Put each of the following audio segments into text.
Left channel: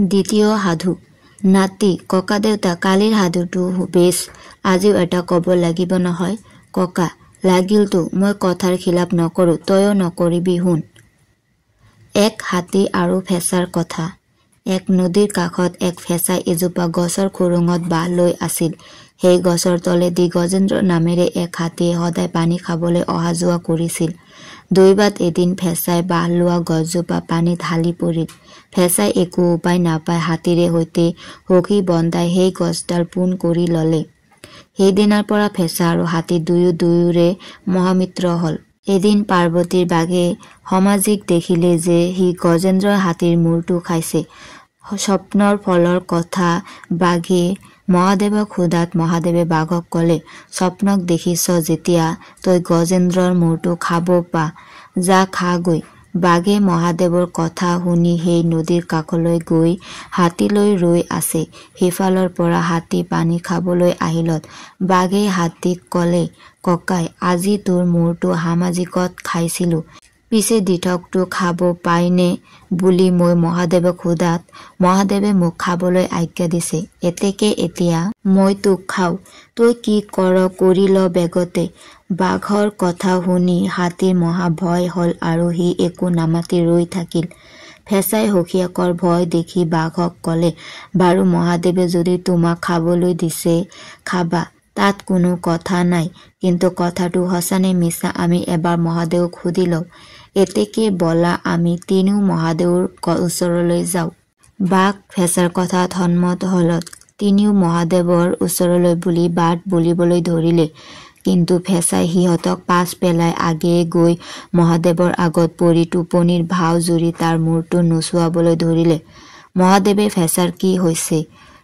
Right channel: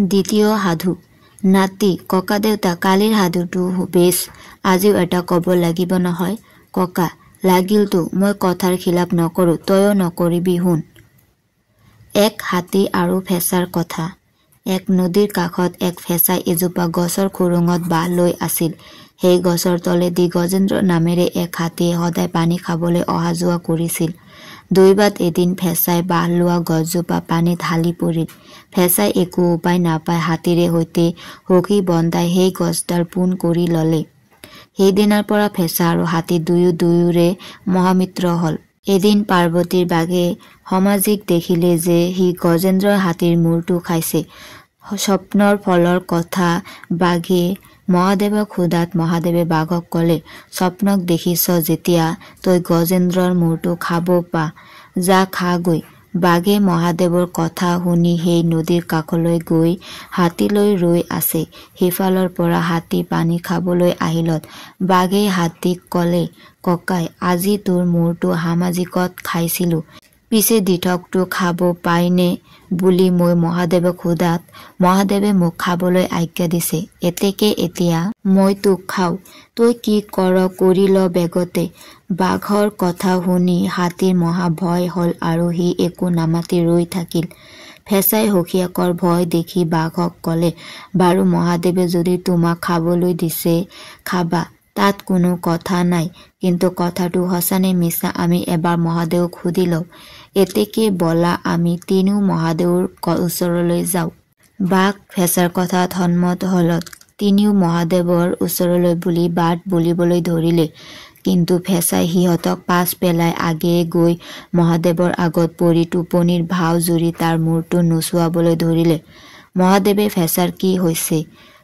দ্বিতীয় সাধু। নাতি ককা দেউতা কালিৰ সাধুটো বেছ, আজিও এটা কব লাগিব নহয়। ককা লাগিলতো, মই কথাৰ খিলাপ নকৰো, তয়ো নকৰিবি, শুন। এক হাতী আৰু ফেঁচাৰ কথা। এক নদীৰ কাষত এক ফেঁচাই এজোপা গছৰ খুৰুঙত বাঁহ লৈ আছিল। সেই গছৰ তলেদি গজেন্দ্ৰ নামেৰে এক হাতীয়ে সদায় পানী খাবলৈ অহা যোৱা কৰিছিল। দৈবাত এদিন ফেঁচাই বাঁহ লোৱা গছজোপা পানীত হালি পৰিল। ফেঁচাই একো উপায় নাপাই হাতীৰে সৈতে সখি বন্ধাই সেই গছডাল পোন কৰি ললে। সেইদিনাৰ পৰা ফেঁচা আৰু হাতী দুয়োৰে মহামিত্ৰ হল। এদিন পাৰ্বতীৰ বাঘে সমাজিক দেখিলে যে সি গজেন্দ্ৰৰ হাতীৰ মূৰটো খাইছে। স্বপ্নৰ ফলৰ কথা বাঘে মহাদেৱক সোধাত মহাদেৱে বাঘক কলে, স্বপ্নক দেখিছ যেতিয়া তই গজেন্দ্ৰৰ মূৰটো খাব পা, যা খাগৈ। বাঘে মহাদেৱৰ কথা শুনি সেই নদীৰ কাষলৈ গৈ হাতীলৈ ৰৈ আছে। সিফালৰ পৰা হাতী পানী খাবলৈ আহিলত বাঘে হাতীক কলে, ককাই আজি তোৰ মূৰটো সামাজিকত খাইছিলো, পিছে দিঠকটো খাব পাইনে বুলি মই মহাদেৱক সোধাত মহাদেৱে মোক খাবলৈ আজ্ঞা দিছে। এতেকে এতিয়া মই তোক খাও, তই কি কৰ কৰি ল বেগতে। বাঘৰ কথা শুনি হাতীৰ মহা ভয় হল আৰু সি একো নামাতি ৰৈ থাকিল। ফেঁচাই সখীয়েকৰ ভয় দেখি বাঘক কলে, বাৰু মহাদেৱে যদি তোমাক খাবলৈ দিছে খাবা, তাত কোনো কথা নাই, কিন্তু কথাটো সঁচানে মিছা আমি এবাৰ মহাদেৱক সুধি লওঁ। এতেকে বলা আমি তিনিও মহাদেৱৰ ওচৰলৈ যাওঁ। বাঘ ফেঁচাৰ কথাত সন্মত হলত তিনিও মহাদেৱৰ ওচৰলৈ বুলি বাট বুলিবলৈ ধৰিলে। কিন্তু ফেঁচাই সিহঁতক পাছ পেলাই আগেয়ে গৈ মহাদেৱৰ আগত পৰি টোপনিৰ ভাও জুৰি তাৰ মূৰটো নোচোৱাবলৈ ধৰিলে। মহাদেৱে ফেঁচাৰ কি হৈছে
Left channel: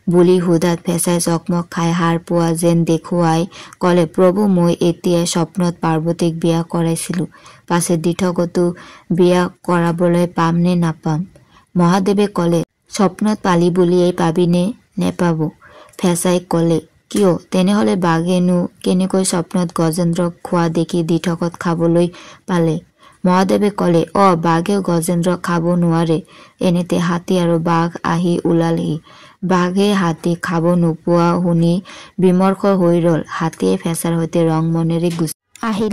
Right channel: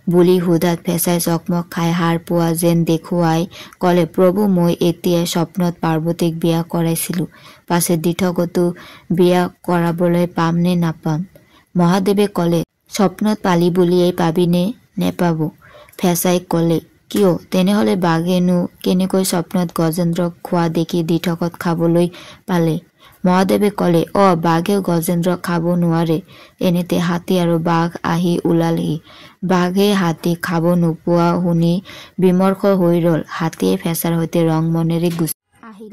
বুলি সোধাত ফেঁচাই চকমক খাই সাৰ পোৱা যেন দেখুৱাই কলে, প্ৰভু মই এতিয়াই স্বপ্নত পাৰ্বতীক বিয়া কৰাইছিলো, পাছে দিঠকতো বিয়া কৰাবলৈ পাম নে নাপাম। মহাদেৱে কলে, স্বপ্নত পালি বুলিয়েই পাবিনে নেপাব। ফেঁচাই কলে, কিয় তেনেহলে বাঘেনো কেনেকৈ স্বপ্নত গজেন্দ্ৰক খোৱা দেখি দিঠকত খাবলৈ পালে। মহাদেৱে কলে, বাঘেও গজেন্দ্ৰক খাব নোৱাৰে। এনেতে হাতী আৰু বাঘ আহি ওলালহি। বাঘে হাতীক খাব নোপোৱা শুনি বিমৰ্ষ হৈ ৰল। হাতীয়ে ফেঁচাৰ সৈতে ৰং মনেৰে গুচি আহিল।